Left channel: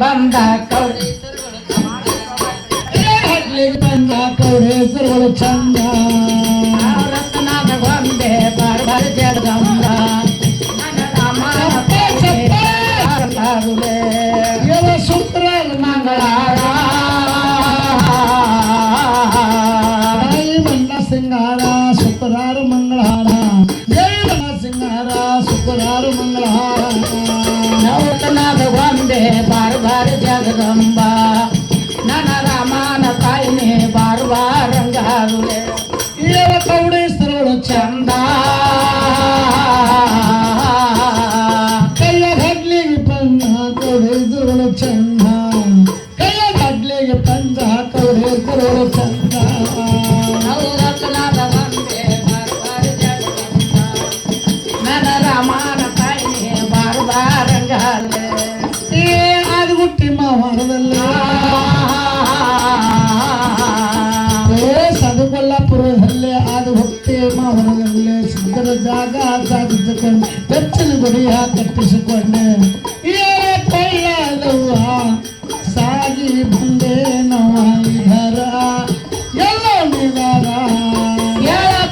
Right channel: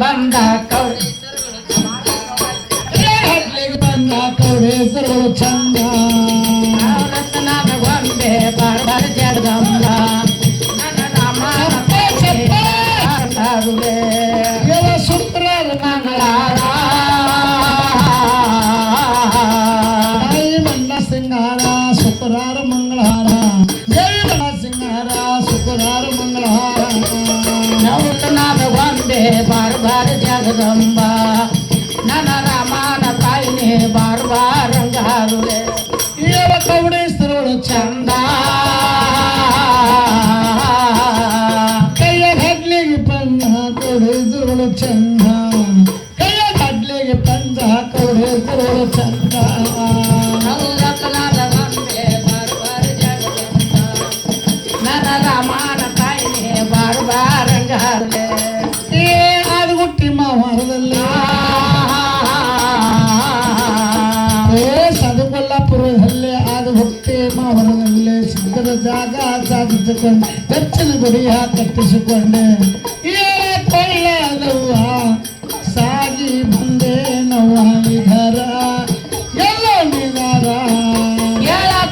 ಬಂದ ಬಂದ ಕೌಡೇಶ್ವರಗಳು ಚಂದ ಗೊಂಬೆ ಬಾರ ಜಗದಂಬ ಸೂತ್ರ ಮಂಗಳಾರ ಮಣ್ಣ ಸಿಂಗಾರ ಶುಕ್ರಾರ ಮಂಗಳಾರ ಜೈ ಮಣ್ಣ ಸಿಂಗಾರ ಶುಕ್ರಾರ ಮಂಗಳಾರ ಗೊಂಬೆ ಬಾರ ಬಾರ ಜಗದಂಬ ನನ್ನ ರಾಮನ ತಾಯಿನೇ ಬಾರ ಬಾರಂಗಾರುಲೆ ಇಯರ ಕೌಡೇಶ್ವರಳು ಚಂದ ಕೈಯ ಹಡ್ಲಿಗೆ ಪಂಜ ಕೌಡೇಶ್ವರಳು ಚಂದ ಕೈಯ ಹಡ್ಲಿಗೆ ಪಂಜ ಕೌಡೇಶ್ವರಳು ಚಂದ ನನ್ನ ರಾಮನ ತಾಯಿನೇ ಬಾರ ಬಾರಂಗಾರುಲೆ ಸದುಕೊಲ್ಲಾಪುರದಲ್ಲೇ ಆದ ಭಕ್ತಿ ಮಹರದಲ್ಲೇ ಸಿದ್ಧರ ಜಾಗ ಸಾಧಿಸಿಕೊಂಡು ಬೆಚ್ಚಲು ಗುಡಿಯ ಕಟ್ಟಿಸಿಕೊಂಡೆ ಕೈಯಾದವ್ವ ಸಾಗಿ ಬಂದೆ ನವ ಇದರ ಎಲ್ಲ ನಿಗಾರ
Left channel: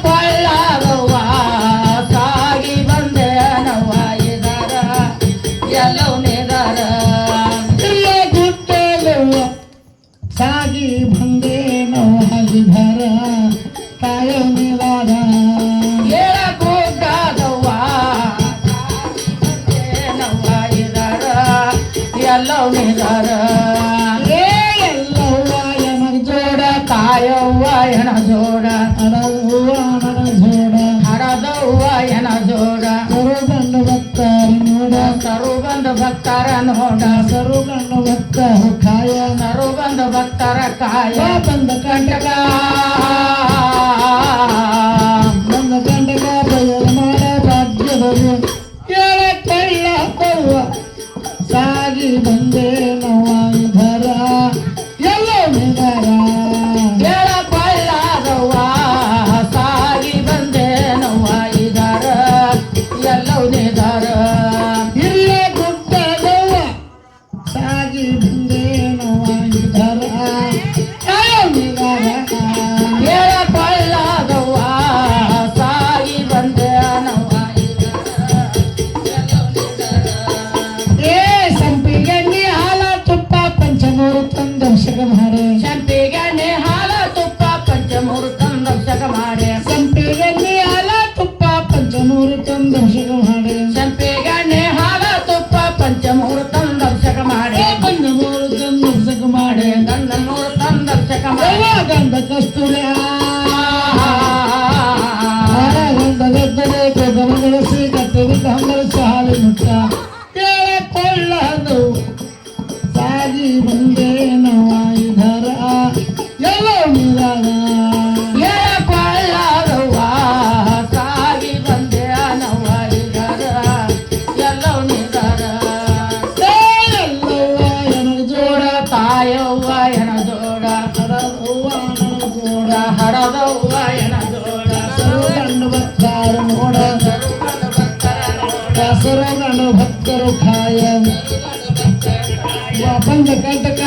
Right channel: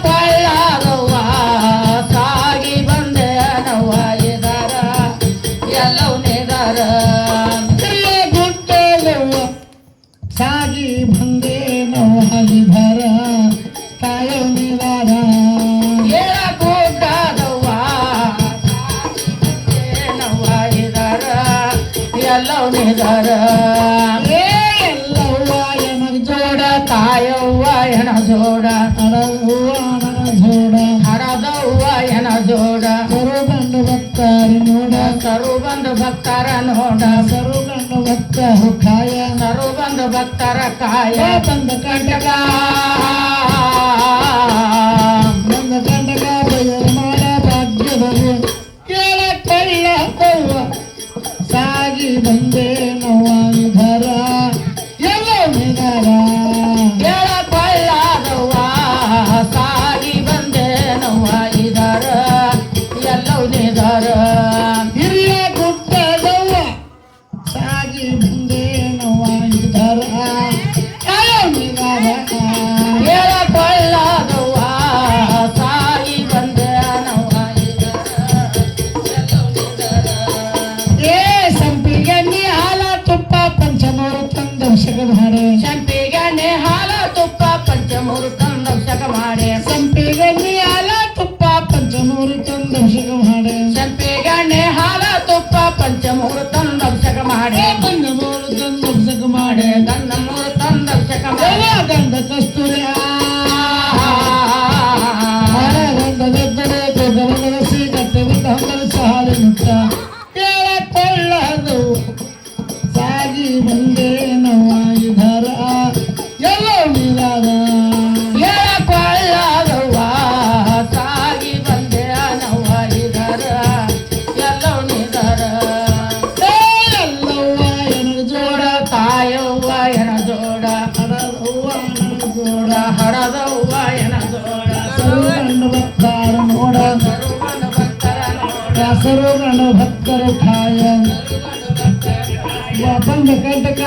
ಕೊಳ್ಳಾದವ್ವ ಸಾಗಿ ಬಂದೆ ನವ ಇದರ ಎಲ್ಲ ನಿಗಾರ ಸಾಗಿ ಬಂದೆ ನವಹಿಧರ ಕಾಯ ನಿವಾರ ಕೂಟದವ್ವ ನವಹಿಧರ ಎಲ್ಲೋ ನಿಧರ ಎಲ್ಲವ್ವ ಎನ ಜೋಡ ತಾಯವ್ವ ಎನ ಜೋಡ ಹಡವ್ವ ಎನ ಜೋಡ ಹಡದವ್ವ ಎನ ಜೋಡ ಸರುಗಂಡು ಭಕ್ತರ ನೋಡ ಸರುಗಂಡು ಭಕ್ತರ ನೋಡ ಸರುಗಂಡು ಭಕ್ತರ ಕಾಯ ಸರುಗಂಡು ಭಕ್ತರ ಕಾಯ ಬಂದ ಕಂಟಕ ಮಾಡ ಭಾಗ್ಯ ಬರು ಕೇಳ ಕಳ್ಳ ಕೊವ್ವ ಸಾಗಿ ಬಂದೆ ನವಾಂಧರ ಎಲ್ಲ ನಿಧರ ಕೇಳ ಕಳ್ಳದವ್ವ ಸಾಗಿ ಬಂದೆ ನವಾಂಧರ ಎಲ್ಲ ನಿಧರ ಹಿರಿಯ ಗುಡ್ಡದವ್ವ ಸಾಗಿ ಬಂದೆ ನವಾಂಧರ ಸಂಪಿಗೆ ಹಾಲ ತುಪ್ಪ ಪಂಚಮೂರು ತಂದರ್ಶಕ ಮಾಡೆ ಸಂಪಿಗೆ ಹಾಲ ತುಪ್ಪ ಪಂಚಮೂರು ತಂದರ್ಶಕ ಮಾಡೆ ಸಂಪಿಗೆ ಹಾಲ ತುಪ್ಪ ಪಂಚಮೂರು ತಂದರ್ಶಕ ಮಾಡೆ ಪಂಚಮೂರು ತಂದರ್ಶಕ ಮಾಡೆ ಗಂಧ ಮೂರು ತಂದರ್ಶಕ ಮಾಡೆ ಗಂಧ ಕಸ್ತೂರಿ ಗದ್ದಲೆ ಕಟ್ಟುವಿದ್ದ ಹಂಗಲು ಸಹಾಯ ಮುಕ್ತ ಕೇಳಕೊಳ್ಳದು ಸಾಗಿ ಬಂದೆ ನವಾಯಿಧರ ಎಲ್ಲ ನಿಧಾನ ಕೊಳ್ಳದವ್ವ ಸಾಗಿ ಬಂದೆ ನವಾಯಿಧರ ಎಲ್ಲ ನಿಧರ ಎಲ್ಲವ್ವ ಎನ ಜೋಡ ತಾಯವ್ವ ಎನ ಜೋಡ ಹಡದವ್ವ ಎನ ಜೋಡ ಹಡದವ್ವ ಎನ ಜೋಡ ಸರುಗಂಡು ಭಕ್ತರ ನೋಡ ಸರುಗಂಡು ಭಕ್ತರು ಖಾಯ ಬಂದ ಕಂಟಕ